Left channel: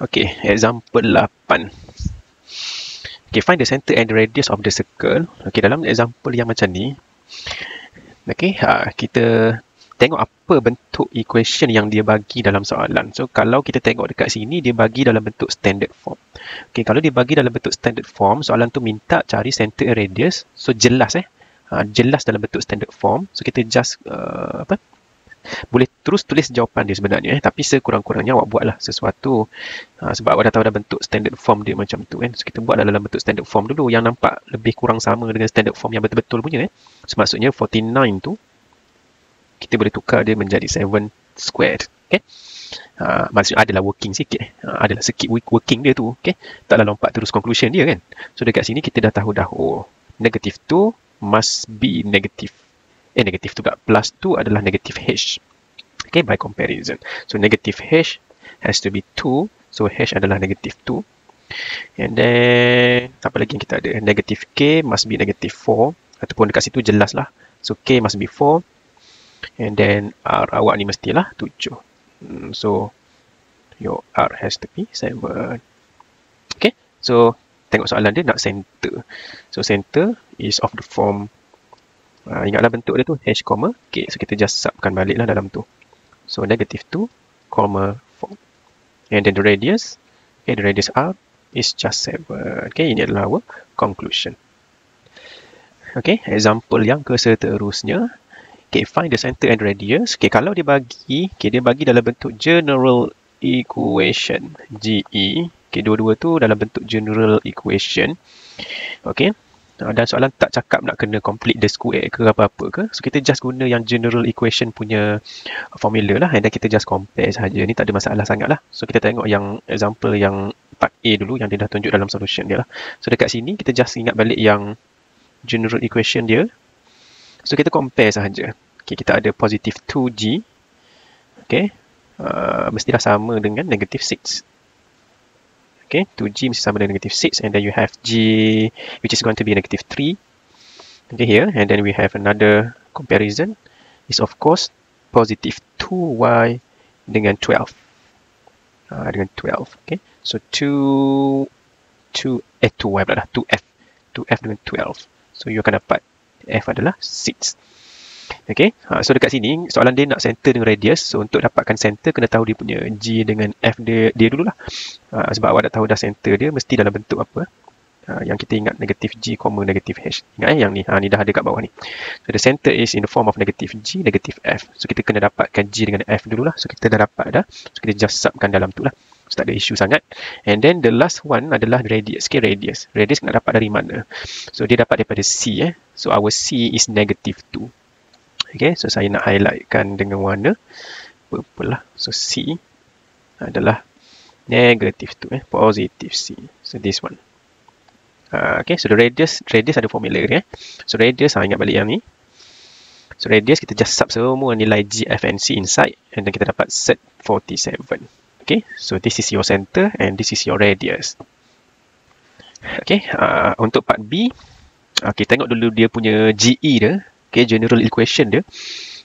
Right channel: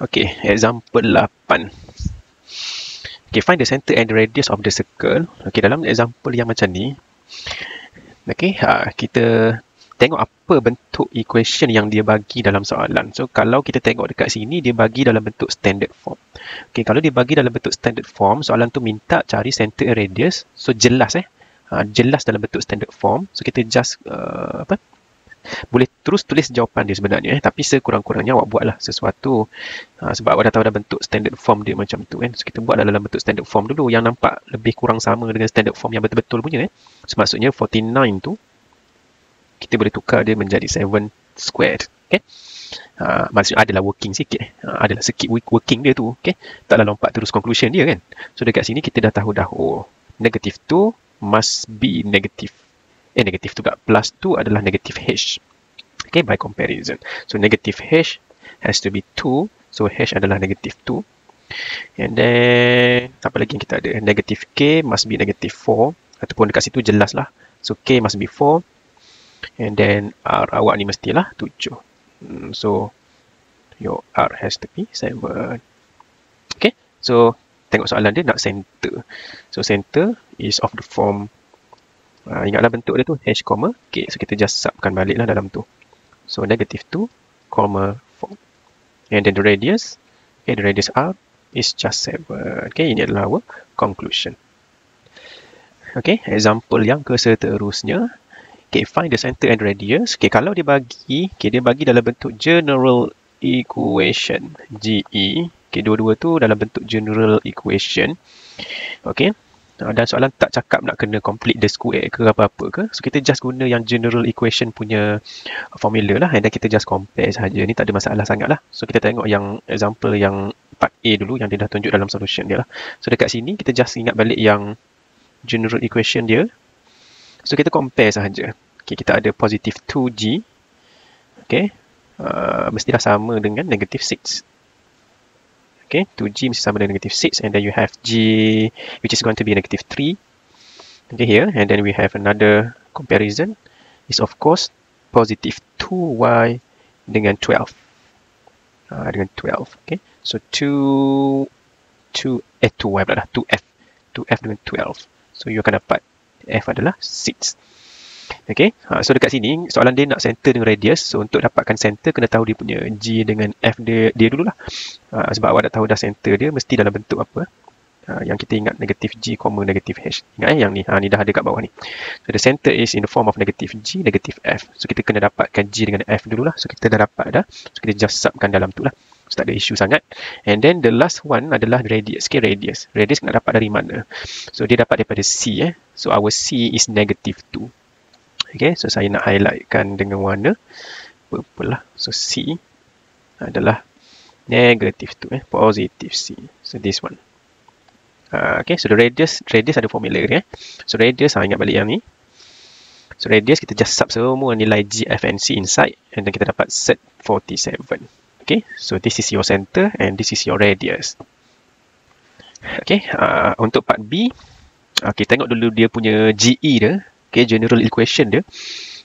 Okay, example 8. Okay, find the center and the radius of the circle. Okay, dalam example yang macam ni, okay, kita tengok apa bentuk equation yang dia bagi dalam soalan. So, kalau kita tengok dekat sini, dia bagi dalam bentuk standard form. Okay, kalau dia bagi dalam bentuk standard form, soalan tu minta cari center and radius. So, jelas jelas dalam bentuk standard form. So, kita just boleh terus tulis jawapan dia sebenarnya, tapi sekurang-kurangnya awak buatlah sesuatu sebab awak dah tahu dah bentuk standard form dia macam tu kan. So kita buat dalam bentuk standard form dulu yang nampak lebih kurang sama dengan standard form yang betul-betul punya So maksudnya 49 tu kita boleh tukar dia menjadi 7 squared. Okay? Maksudnya adalah working sikit adalah sikit working dia tu. Okay? Taklah lompat terus conclusion dia kan. So dekat sini kita dah tahu dah, negative 2 must be negative. Negative tu kat plus 2 adalah negative h. Okay, by comparison. So negative h has to be 2. So h adalah negative 2. And then apa lagi yang kita ada? Negative k must be negative 4. Ataupun dekat situ jelas lah. So k must be 4. And then r awak ni mestilah 7. So your r has to be 7. Okay, so tengok soalan dia nak center. So center is of the form, ingatlah bentuk dia tu h, k. So kita just subkan balik lah dalam tu. So negative 2, 4. And then the radius, okay, the radius r is just 7. Okay, ini adalah our conclusion. Okay, example yang seterusnya. Okay, find the center and radius. Okay, kalau dia bagi, dia bagi dalam bentuk general equation, GE. Okay, dua-dua tu dalam bentuk general equation. Okay. Dan soalan tak cakap nak kena complete the square ke apa-apa ke. So, kita just guna yang general equation punya formula lah. And then kita just compare sahaja. Ini tak ada masalah sangat lah. So, kita tengok yang example yang part A dulu yang dia dah tunjuk dalam solution dia lah. So, dekat sini kita just ingat balik yang general equation dia. So, kita compare sahaja. Okay, kita ada positive 2g. Okay. Mestilah sama dengan negative 6. Okay, 2g mesti sama dengan negative 6, and then you have g which is going to be negative 3. Okay, here, and then we have another comparison is of course positive 2y dengan 12. Dengan 12, okay. So 2y pula dah, 2f dengan 12. So you akan dapat f adalah 6. Okay, so dekat sini soalan dia nak center dengan radius. So untuk dapatkan center kena tahu dia punya g dengan f dia dululah. Sebab awak dah tahu dah center dia mesti dalam bentuk apa. Yang kita ingat negative g, negative h. Ingat yang ni, ni dah ada kat bawah ni. So the center is in the form of negative g, negative f. So kita kena dapatkan g dengan f dululah. So kita dah dapat dah. So kita just subkan dalam tu lah. So tak ada isu sangat. And then the last one adalah radius. Okay, radius. Radius nak dapat dari mana? So dia dapat daripada c. So our c is negative 2. Okay, so saya nak highlightkan dengan warna purple lah. So C adalah negative 2, positive C. So this one. Okay, so the radius ada formula dia. So radius, ingat balik yang ni. So radius kita just sub semua nilai G, F and C inside, and then kita dapat set 47. Okay, so this is your center and this is your radius. Okay, untuk part B, okay, tengok dulu dia punya GE dia. Okay, general equation dia.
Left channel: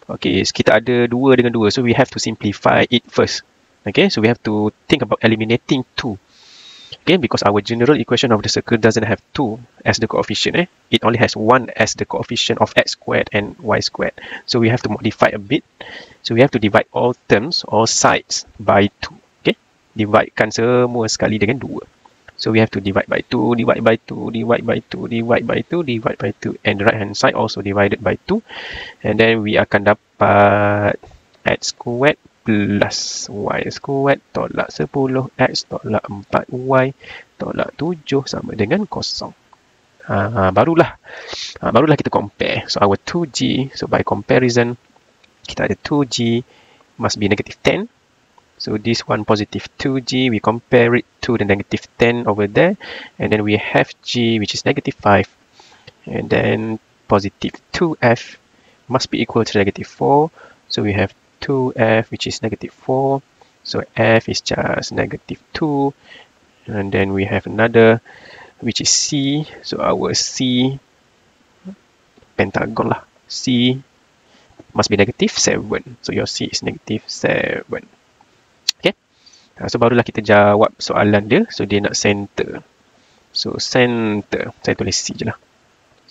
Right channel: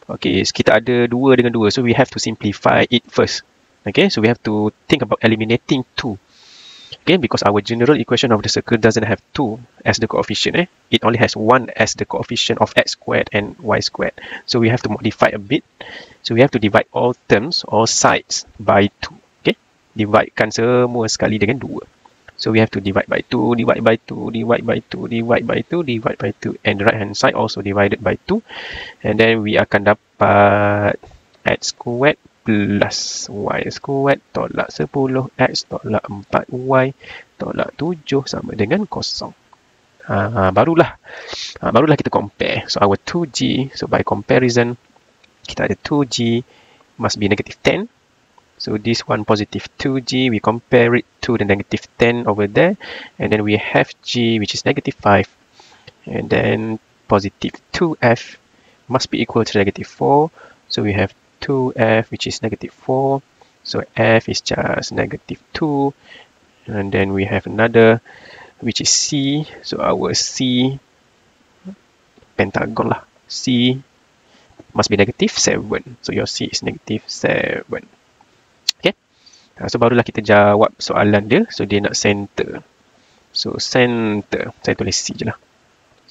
Okay, so kita ada 2 dengan 2. So we have to simplify it first. Okay, so we have to think about eliminating 2. Okay, because our general equation of the circle doesn't have 2 as the coefficient. It only has 1 as the coefficient of x squared and y squared. So we have to modify a bit. So we have to divide all terms, all sides by 2. Okay, dividekan semua sekali dengan 2. So we have to divide by 2, divide by 2, divide by 2, divide by 2, divide by 2. And the right hand side also divided by 2. And then we akan dapat x squared plus y squared tolak 10, x tolak 4y tolak 7 sama dengan 0. Barulah kita compare. So our 2g, so by comparison, kita ada 2g must be negative 10. So this one positive 2g, we compare it to the negative 10 over there. And then we have g which is negative 5. And then positive 2f must be equal to negative 4. So we have 2f which is negative 4. So f is just negative 2. And then we have another which is c. So our c, pentagon lah. C must be negative 7. So your c is negative 7. Okay. So barulah kita jawab soalan dia. So dia nak center. So center, saya tulis C je lah.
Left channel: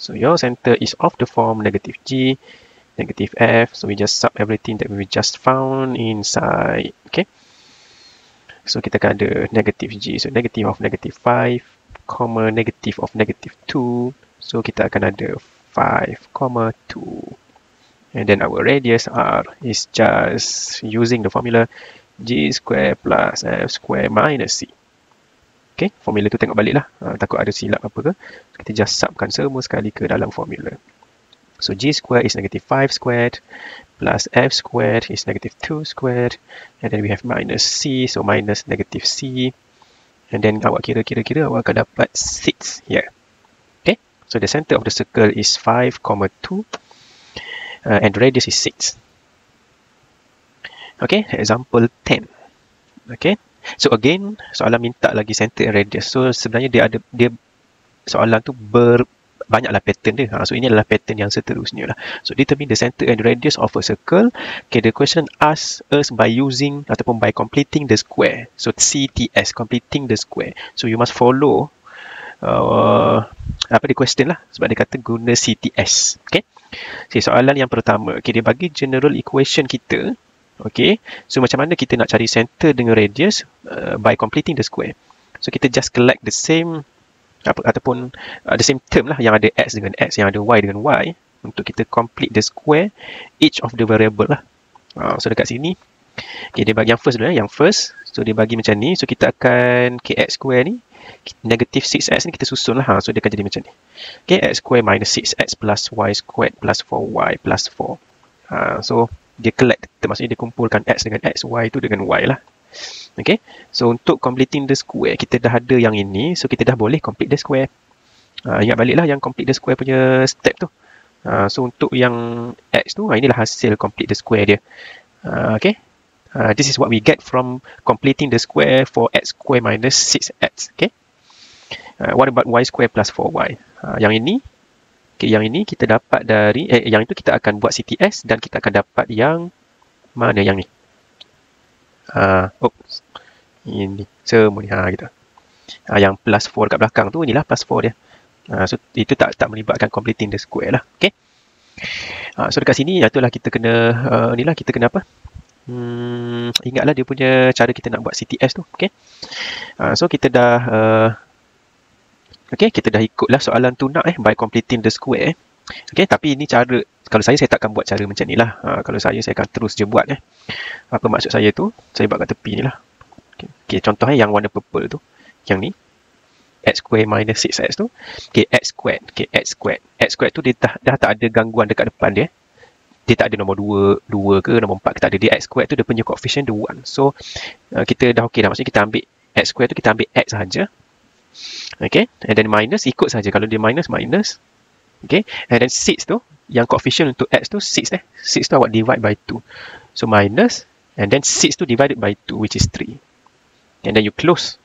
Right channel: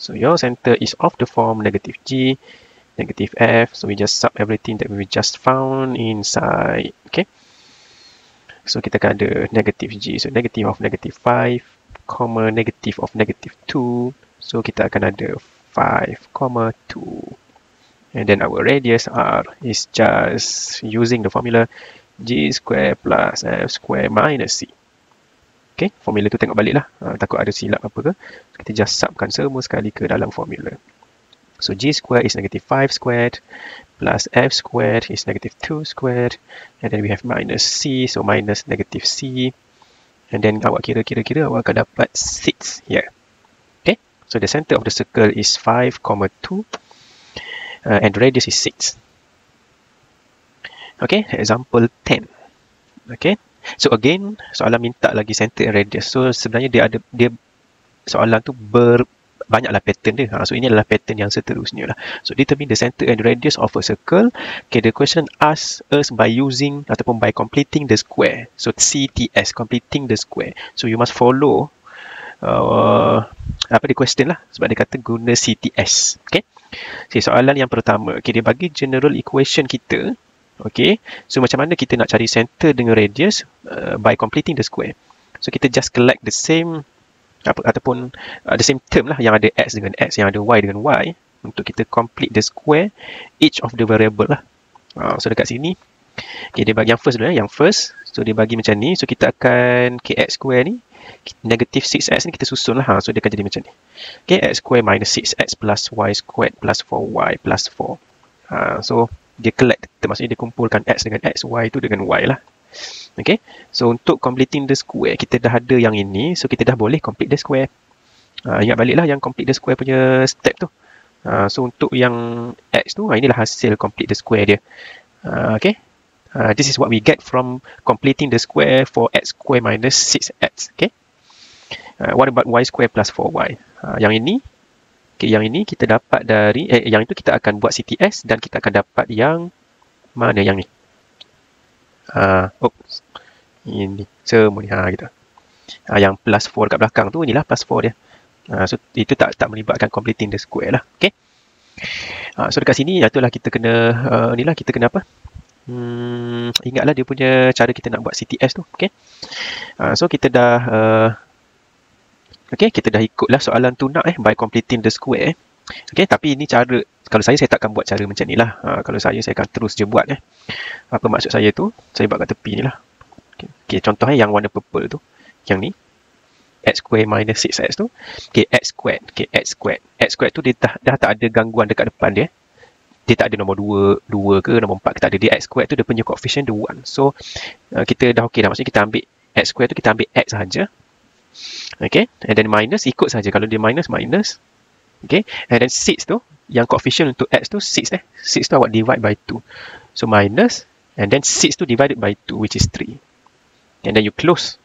So your center is of the form negative G, negative F. So we just sub everything that we just found inside. Okay. So kita akan ada negative G. So negative of negative 5, comma negative of negative 2. So kita akan ada 5, 2. And then our radius R is just using the formula G square plus F square minus C. Okay, formula tu tengok balik lah. Takut ada silap apa ke. Kita just subkan semua sekali ke dalam formula. So G square is negative 5 squared plus F squared is negative 2 squared. And then we have minus C. So minus negative C. And then awak kira awak akan dapat 6 here. Okay, so the center of the circle is 5, 2. And the radius is 6. Okay, example 10. Okay, so again, soalan minta lagi center and radius. So sebenarnya dia soalan tu banyaklah pattern dia. So ini adalah pattern yang seterusnya lah. So determine the center and radius of a circle. Okay, the question asks us by using ataupun by completing the square. So CTS, completing the square. So you must follow apa dia question lah, sebab dia kata guna CTS. Okay, soalan yang pertama, okay, dia bagi general equation kita. Okay, so macam mana kita nak cari center dengan radius by completing the square. So kita just collect the same ataupun the same term lah, yang ada x dengan x, yang ada y dengan y, untuk kita complete the square each of the variable lah. So dekat sini, okay, dia bagi yang first dulu, yang first. So dia bagi macam ni. So kita akan x square ni, negative 6x ni kita susun lah. So dia akan jadi macam ni. Okay, x square minus 6x plus y squared plus 4y plus 4. So dia collect, maksudnya dia kumpulkan x dengan x, y tu dengan y lah. Okay, so untuk completing the square, kita dah ada yang ini. So kita dah boleh complete the square. Ingat balik lah yang complete the square punya step tu. So untuk yang x tu, inilah hasil complete the square dia. Okay, this is what we get from completing the square for x square minus 6x. Okay, what about y square plus 4y? Yang ini, okay, yang ini kita dapat dari yang itu kita akan buat CTS dan kita akan dapat yang mana yang ni. Ini semua ni gitu. Yang plus 4 kat belakang tu, inilah plus 4 dia. So itu tak melibatkan completing the square lah. Okay. So dekat sini itulah kita kena inilah kita kena apa? Ingatlah dia punya cara kita nak buat CTS tu. Okay. So kita dah okay, kita dah ikutlah soalan tu nak by completing the square. Okay, tapi ini cara, kalau saya takkan buat cara macam ni lah. Kalau saya akan terus je buat. Apa maksud saya tu? Saya buat kat tepi ni lah. Okay, contoh yang warna purple tu. Yang ni. X square minus 6x tu. Okay, x squared. Okay, x squared. X squared tu dia dah tak ada gangguan dekat depan dia. Dia tak ada nombor 2 ke nombor 4 ke, tak ada. Dia x squared tu dia punya coefficient dia 1. So, kita dah okey dah. Maksudnya kita ambil x squared tu, kita ambil x sahaja. Okay, and then minus, ikut saja. Kalau dia minus, minus. Okay, and then 6 tu, yang coefficient untuk x tu 6 6 tu awak divide by 2. So minus, and then 6 tu divided by 2, which is 3. And then you close.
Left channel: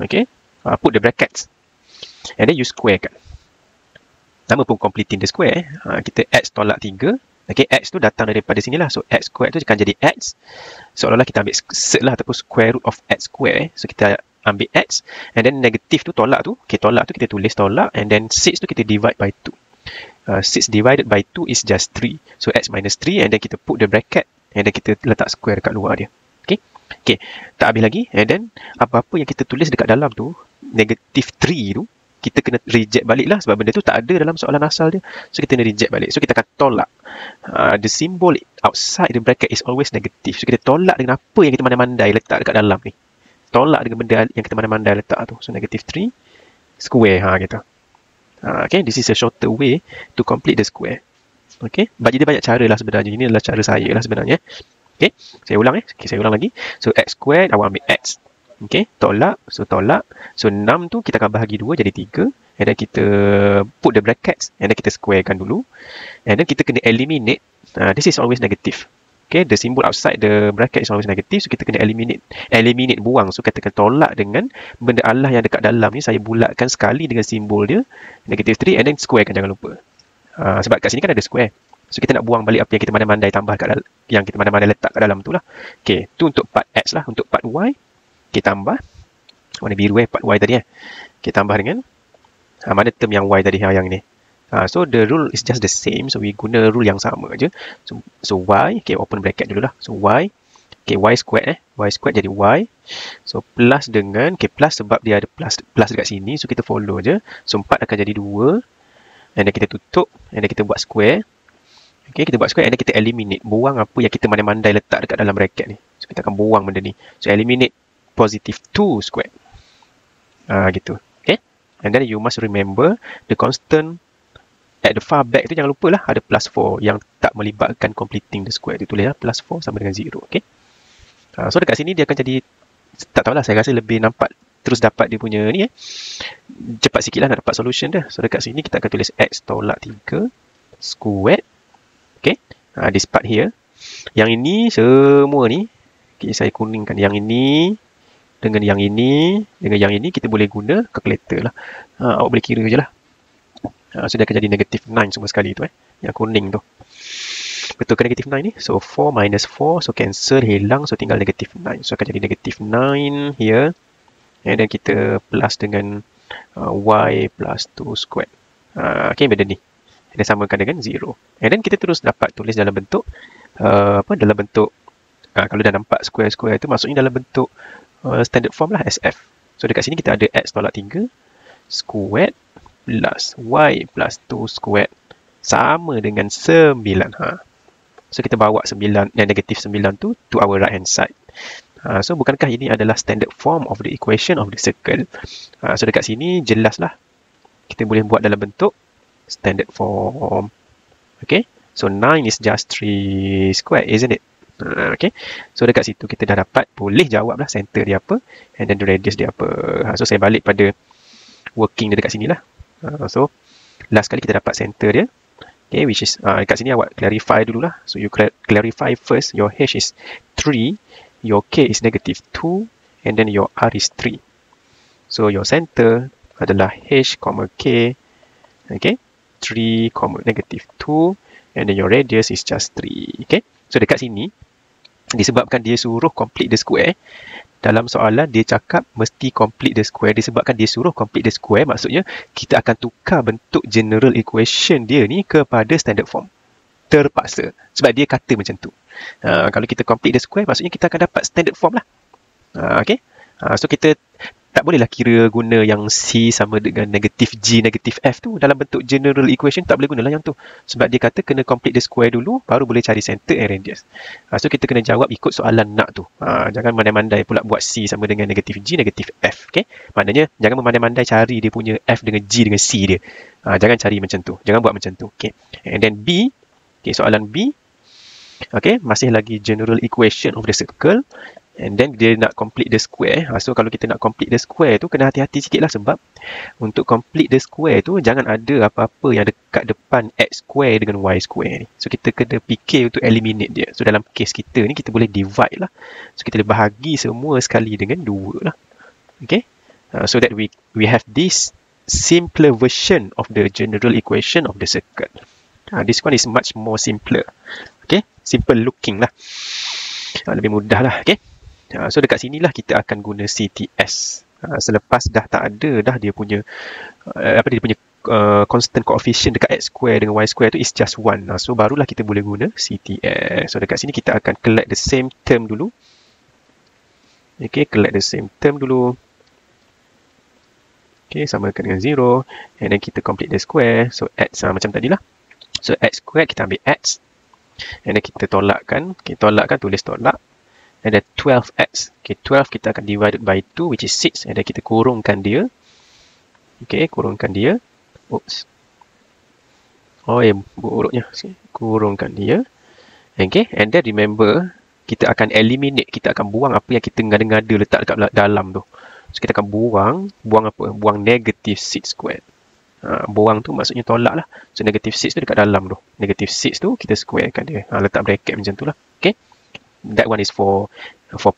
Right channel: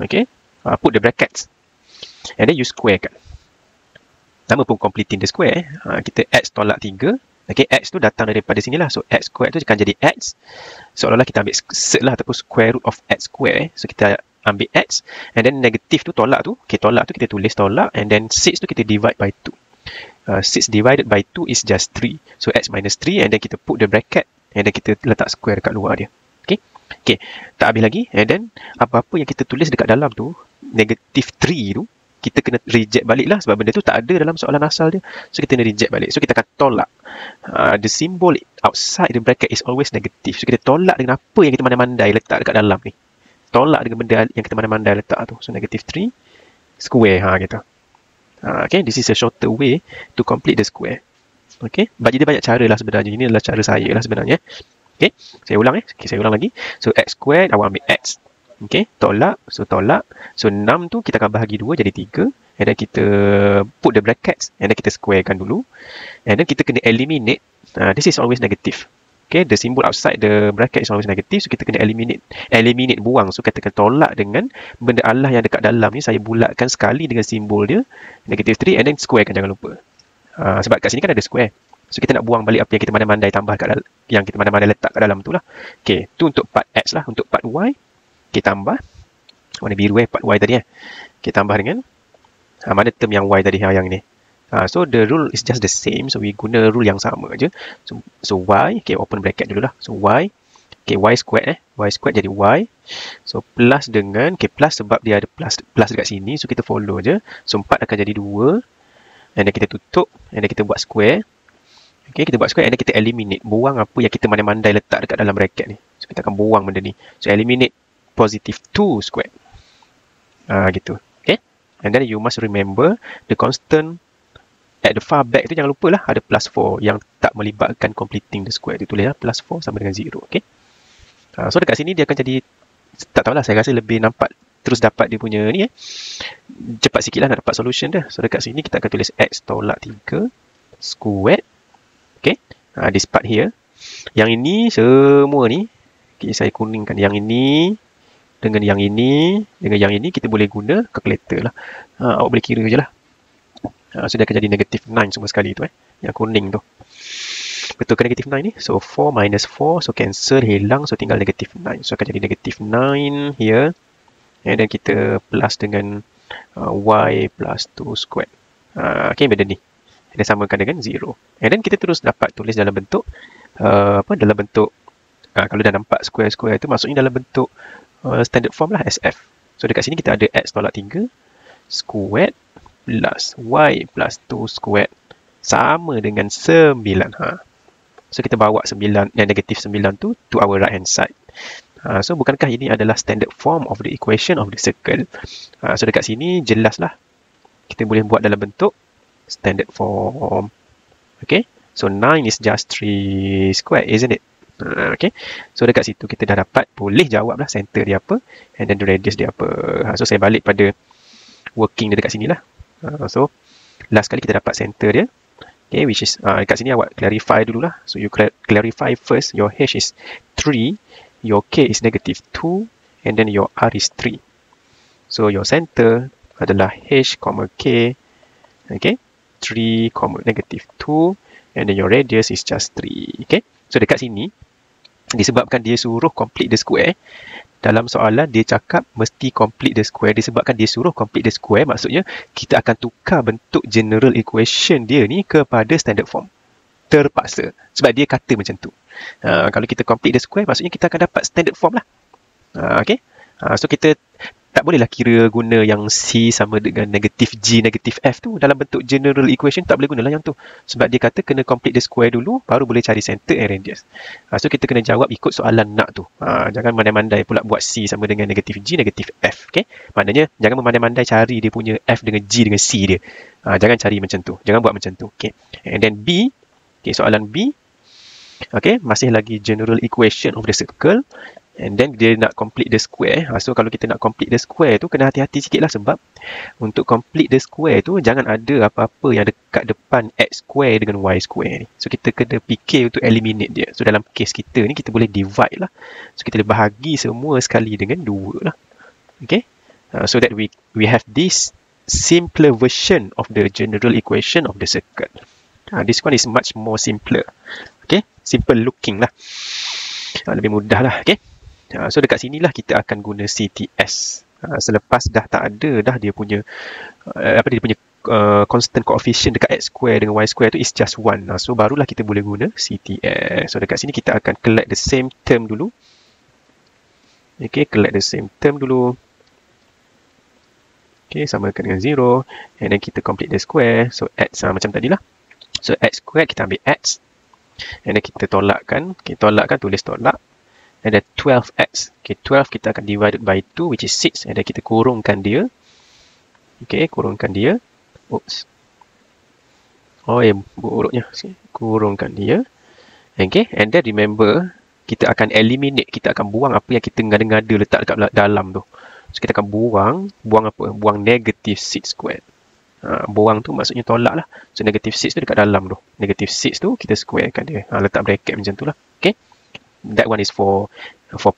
Okay, put the brackets. And then you square kan. Nama pun completing the square. Kita x tolak 3. Okay, x tu datang daripada sini lah. So x square tu akan jadi x. Seolah-olah kita ambil set lah, ataupun square root of x square. So kita ambil x, and then negatif tu tolak tu. Okay, tolak tu kita tulis tolak, and then 6 tu kita divide by 2. 6 divided by 2 is just 3. So x minus 3, and then kita put the bracket, and then kita letak square dekat luar dia. Okay, okay, tak habis lagi. And then apa-apa yang kita tulis dekat dalam tu, negatif 3 tu, kita kena reject balik lah, sebab benda tu tak ada dalam soalan asal dia. So kita kena reject balik. So kita akan tolak. The symbol outside the bracket is always negative. So kita tolak dengan apa yang kita mandai-mandai letak dekat dalam ni. Tolak dengan benda yang kita mandai-mandai letak tu. So negative 3 square kita. Okay, this is a shorter way to complete the square. Okay, bagi dia banyak cara lah sebenarnya. Ini adalah cara saya lah sebenarnya. Okay, saya ulang Okay, saya ulang lagi. So x square, awak ambil x. Okay, tolak. So tolak. So 6 tu kita akan bahagi 2 jadi 3. And then kita put the brackets. And then kita squarekan dulu. And then kita kena eliminate. This is always negative. Okay, the symbol outside the bracket is always negative. So kita kena eliminate buang. So katakan tolak dengan benda Allah yang dekat dalam ni. Saya bulatkan sekali dengan simbol dia. Negative 3 and then squarekan, jangan lupa. Sebab kat sini kan ada square. So kita nak buang balik apa yang kita mandai-mandai tambah kat dalam, yang kita mandai-mandai letak kat dalam tu lah. Okay, tu untuk part X lah. Untuk part Y, Okay, tambah. Warna biru part Y tadi Okay, tambah dengan mana term yang Y tadi yang ni. So the rule is just the same. So we guna rule yang sama je. So Y, okay, open bracket dulu lah. So Y, okay, Y square Y square jadi Y. So plus dengan, okay, plus sebab dia ada plus dekat sini. So kita follow je. So 4 akan jadi 2. And then kita tutup. And then kita buat square. Okay, kita buat square and then kita eliminate. Buang apa yang kita mandai-mandai letak dekat dalam bracket ni. So kita akan buang benda ni. So eliminate positive 2 square. Gitu. Okay. And then you must remember the constant at the far back tu jangan lupa lah ada plus 4 yang tak melibatkan completing the square. Dia tulis plus 4 sama dengan 0. Okay. So dekat sini dia akan jadi, tak tahulah, saya rasa lebih nampak terus dapat dia punya ni cepat sikit lah dapat solution dia. So dekat sini kita akan tulis x tolak 3 square. Okay. This part here. Yang ini semua ni, okay, saya kuningkan yang ini dengan yang ini dengan yang ini kita boleh guna calculator lah. Awak boleh kira je lah. So dia akan jadi negative 9 semua sekali tu yang kuning tu. Betul ke negative 9 ni? So 4 minus 4, so cancel, hilang, so tinggal negative 9. So akan jadi negative 9 here. And then kita plus dengan y plus 2 square. Okay, benda ni. Kita samakan dengan 0. And then kita terus dapat tulis dalam bentuk dalam bentuk kalau dah nampak square-square tu maksudnya dalam bentuk standard form lah, SF. So dekat sini kita ada x tolak 3 squared plus y plus 2 squared sama dengan 9. So kita bawa 9 dan negatif 9 tu to our right hand side. So bukankah ini adalah standard form of the equation of the circle? So dekat sini jelaslah kita boleh buat dalam bentuk standard form. Okay, so 9 is just 3 square, isn't it? Okay, so dekat situ kita dah dapat boleh jawab lah center dia apa and then the radius dia apa. So saya balik pada working dia dekat sini lah. So last kali kita dapat center dia, okay, which is dekat sini awak clarify dulu lah. So you clarify first, your h is 3, your k is negative 2 and then your r is 3. So your center adalah h, k, okay, 3, negative 2 and then your radius is just 3. Okay, so dekat sini disebabkan dia suruh complete the square. Dalam soalan dia cakap mesti complete the square. Disebabkan dia suruh complete the square, maksudnya kita akan tukar bentuk general equation dia ni kepada standard form. Terpaksa. Sebab dia kata macam tu. Kalau kita complete the square, maksudnya kita akan dapat standard form lah. Okay. So kita tak bolehlah kira guna yang C sama dengan negatif G, negatif F tu. Dalam bentuk general equation tak boleh guna lah yang tu. Sebab dia kata kena complete the square dulu, baru boleh cari center and radius. So kita kena jawab ikut soalan nak tu. Jangan mandai-mandai pula buat C sama dengan negatif G, negatif F. Okay? Maknanya jangan memandai-mandai cari dia punya F dengan G dengan C dia. Jangan cari macam tu. Jangan buat macam tu. Okay? And then B. Okay, soalan B. Okay, masih lagi general equation of the circle. And then dia nak complete the square. So kalau kita nak complete the square tu, kena hati-hati sikit lah sebab untuk complete the square tu, jangan ada apa-apa yang dekat depan x square dengan y square ni. So kita kena fikir untuk eliminate dia. So dalam case kita ni, kita boleh divide lah. So kita boleh bahagi semua sekali dengan 2 lah. Okay. So that we have this simpler version of the general equation of the circle. This one is much more simpler. Okay. Simple looking lah. Lebih mudah lah. Okay. So dekat sinilah kita akan guna CTS. Selepas dah tak ada dah dia punya constant coefficient dekat x square dengan y square tu is just 1. So barulah kita boleh guna CTS. So dekat sini kita akan collect the same term dulu. Okay, collect the same term dulu. Okay, samakan dengan 0. And then kita complete the square. So x macam tadi lah. So x square kita ambil x. And then kita tolakkan. Okay, tolakkan, tulis tolak. And then 12x. Okay, 12 kita akan divided by 2 which is 6. And then kita kurungkan dia. Okay, kurungkan dia. Oops. Oh, buruknya. Kurungkan dia. Okay, and then remember, kita akan eliminate. Kita akan buang apa yang kita ngada-ngada letak dekat dalam tu. So, kita akan buang apa? Buang negative 6 squared. Buang tu maksudnya tolak lah. So, negative 6 tu dekat dalam tu. Negative 6 tu kita squarekan dia. Letak bracket macam tu lah. Okay. That one is for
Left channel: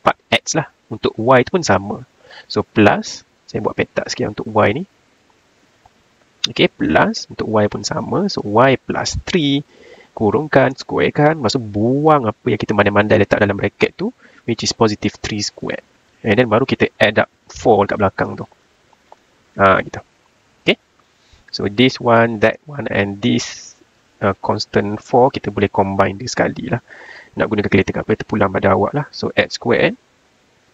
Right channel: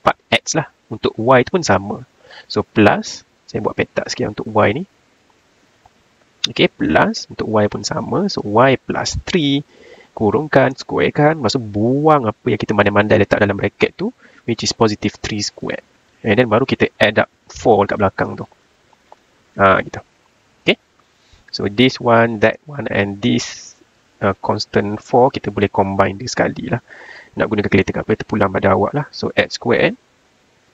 part X lah. Untuk Y tu pun sama. So plus, saya buat petak sikit untuk Y ni. Okay, plus untuk Y pun sama. So Y plus 3, kurungkan, squarekan. Maksud buang apa yang kita mandai-mandai letak dalam bracket tu, which is positive 3 squared. And then baru kita add up 4 kat belakang tu. Gitu. Okay. So this one, that one and this constant 4 kita boleh combine dia sekali lah. Nak guna calculator apa terpulang pada awak lah. So x squared.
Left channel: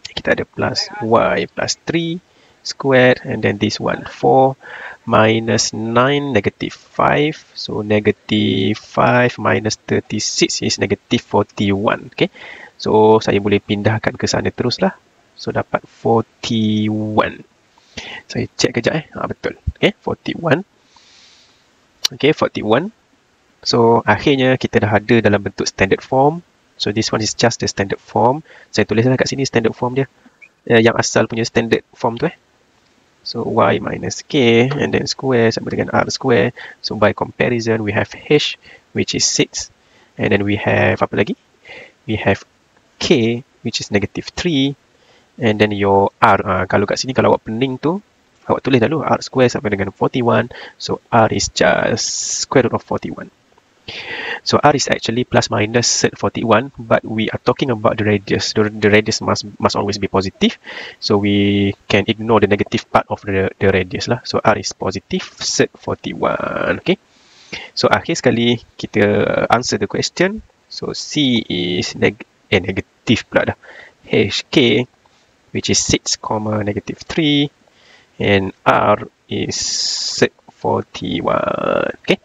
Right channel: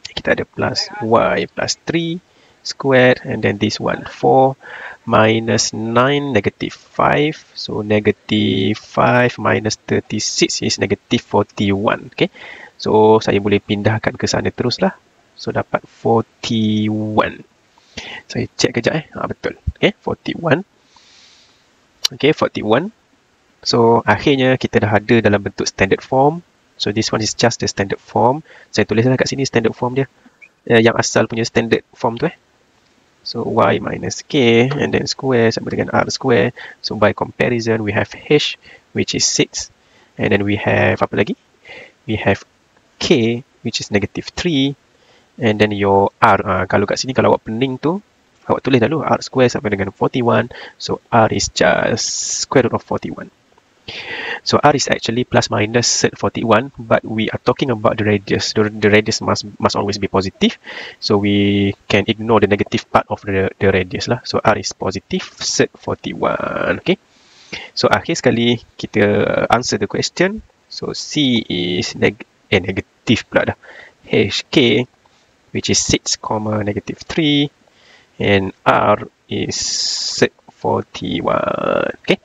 Kita ada plus y plus 3 squared. And then this one 4 minus 9 negative 5. So negative 5 minus 36 is negative 41. Okay. So saya boleh pindahkan ke sana terus lah. So dapat 41. Saya check kejap betul. Okay, 41. Okay, 41. So akhirnya kita dah ada dalam bentuk standard form. So this one is just the standard form. Saya tulislah kat sini standard form dia. Yang asal punya standard form tu. So y minus k and then square sama dengan r square. So by comparison we have h which is 6. And then we have apa lagi? We have k which is negative 3. And then your r. Kalau kat sini kalau awak pening tu, awak tulis dulu r square sama dengan 41. So r is just square root of 41. So r is actually plus minus 41, but we are talking about the radius. The radius must always be positive. So we can ignore the negative part of the radius lah. So r is positive 41. Okay. So akhir sekali kita answer the question. So c is negative pula dah. hk which is 6, negative 3 and r is 41. Okay.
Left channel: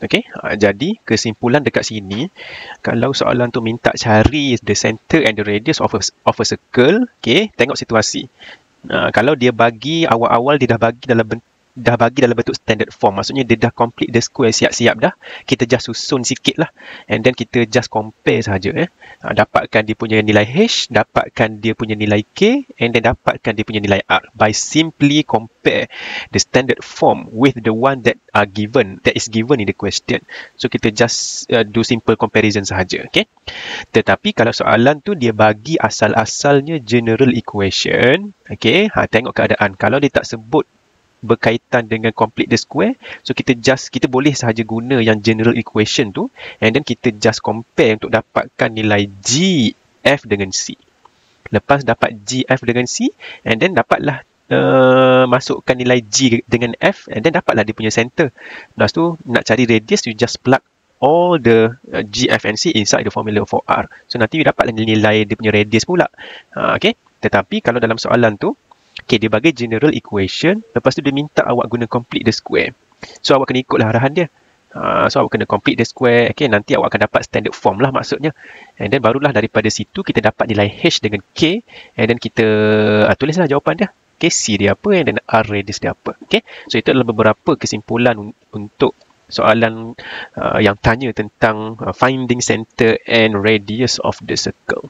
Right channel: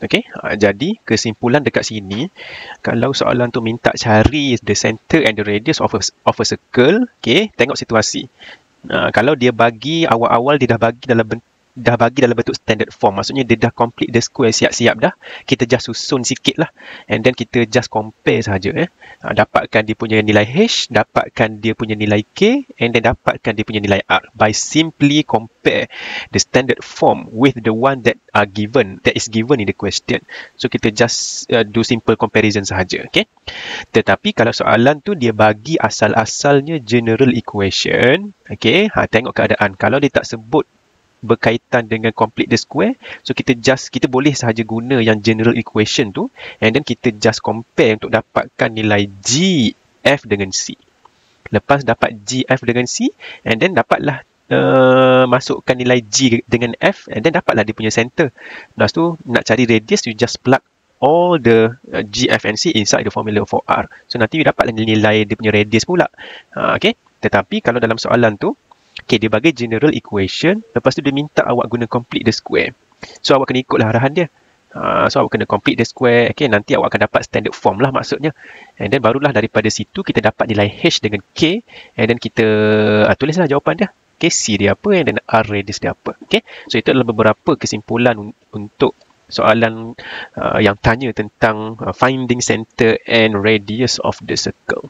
Okay, jadi kesimpulan dekat sini, kalau soalan tu minta cari the center and the radius of a circle, okay, tengok situasi. Kalau dia bagi awal-awal dia dah bagi dalam bentuk standard form, maksudnya dia dah complete the square siap-siap dah, kita just susun sikit lah, and then kita just compare sahaja. Dapatkan dia punya nilai h, dapatkan dia punya nilai k, and then dapatkan dia punya nilai r by simply compare the standard form with the one that is given in the question. So kita just do simple comparison sahaja. Okay. Tetapi kalau soalan tu dia bagi asal-asalnya general equation, okay, tengok keadaan. Kalau dia tak sebut berkaitan dengan complete the square, so kita boleh sahaja guna yang general equation tu, and then kita just compare untuk dapatkan nilai g, f dengan c. Lepas dapat g, f dengan c, and then dapatlah masukkan nilai g dengan f, and then dapatlah dia punya center. Lepas tu nak cari radius, you just plug all the g, f and c inside the formula for r. So nanti you dapatlah nilai dia punya radius pula. Okay. Tetapi kalau dalam soalan tu, okay, dia bagi general equation, lepas tu dia minta awak guna complete the square. So awak kena ikutlah arahan dia. So awak kena complete the square, okay, nanti awak akan dapat standard form lah maksudnya. And then barulah daripada situ kita dapat nilai h dengan k, and then kita tulislah jawapan dia. Okay, c dia apa, and then r radius dia apa. Okay, so itu adalah beberapa kesimpulan untuk soalan yang tanya tentang finding center and radius of the circle.